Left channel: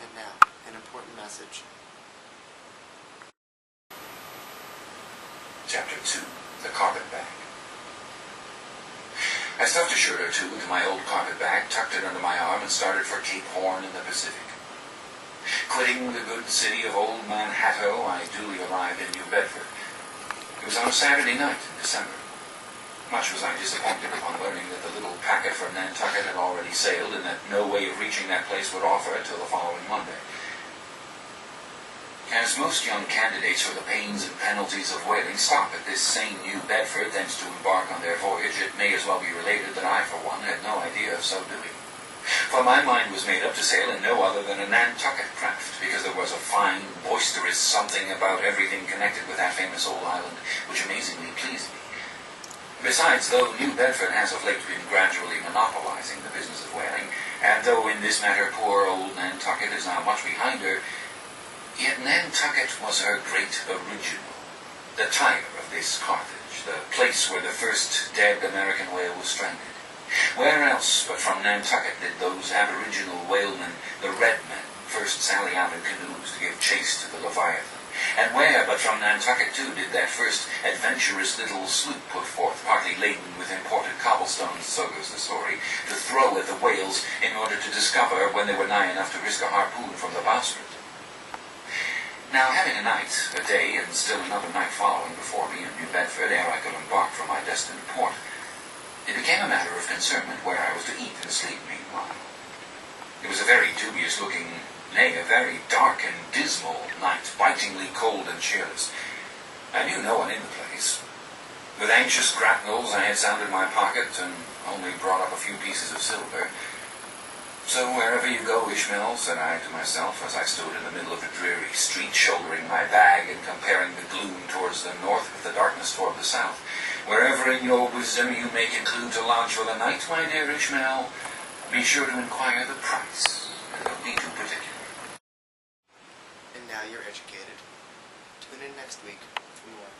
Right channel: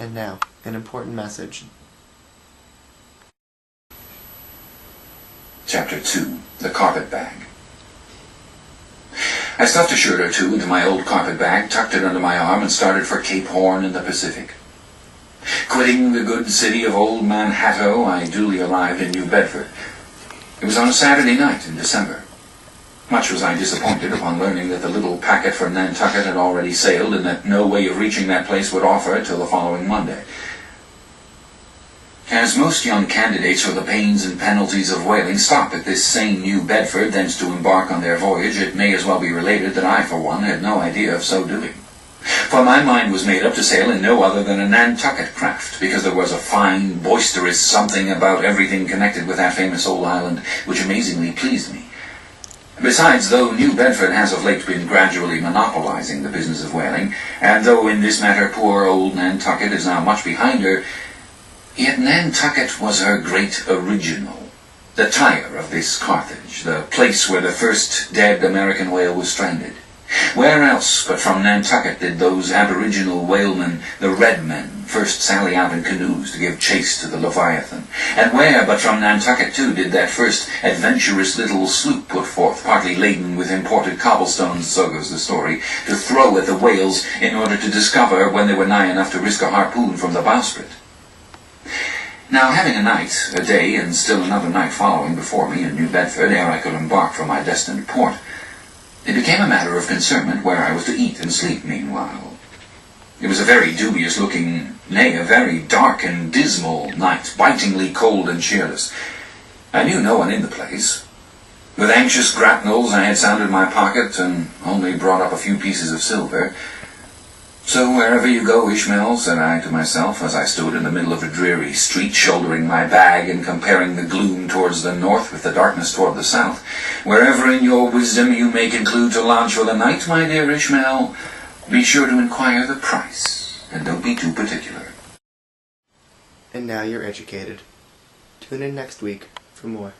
And now, an important message. Chapter 2, The Carpet Bag. I stuffed a shirt or two into my old carpet bag, tucked it under my arm, and started for Cape Horn in the Pacific. Quitting the good city of Old Manhattan, I duly arrived in New Bedford. It was on a Saturday night in December. Much was I disappointed upon learning that the little packet from Nantucket had already sailed, and that no way of reaching that place would offer till the following Monday. As most young candidates for the pains and penalties of whaling stop at this same New Bedford, thence to embark on their voyage, it may as well be related that I, for one, had no idea of so doing. For my mind was made up to sail in no other than a Nantucket craft, because there was a fine, boisterous something about everything connected with that famous old island which amazingly pleased me. Besides, though New Bedford has of late been gradually monopolizing the business of whaling, and though in this matter poor old Nantucket is now much behind her, yet Nantucket was her great original, the Tyre of this Carthage, the place where the first dead American whale was stranded. Where else but from Nantucket did those aboriginal whalemen, the Red Men, first sally out in canoes to give chase to the Leviathan? And where but from Nantucket, too, did that first adventurous little sloop put forth, partly laden with imported cobblestones, so goes the story, to throw at the whales in order to discover when they were nigh enough to risk a harpoon from the bowsprit? Now, having a night, a day, and still another night following before me in New Bedford ere I could embark for my destined port, it became a matter of concernment where I was to eat and sleep meanwhile. It was a very dubious-looking, nay, a very dark and dismal night, bitingly cold and cheerless. I knew no one in the place. With anxious grapnels I had sounded my pocket and only brought up a few pieces of silver. So wherever you go, Ishmael, said I to myself, as I stood in the middle of a dreary street, shouldering my bag and comparing the gloom towards the north with the darkness toward the south, wherever in your wisdom you may conclude to lodge for the night, my dear Ishmael, be sure to inquire the price, and don't be too particular. And now you're educated. Tune in next week for more.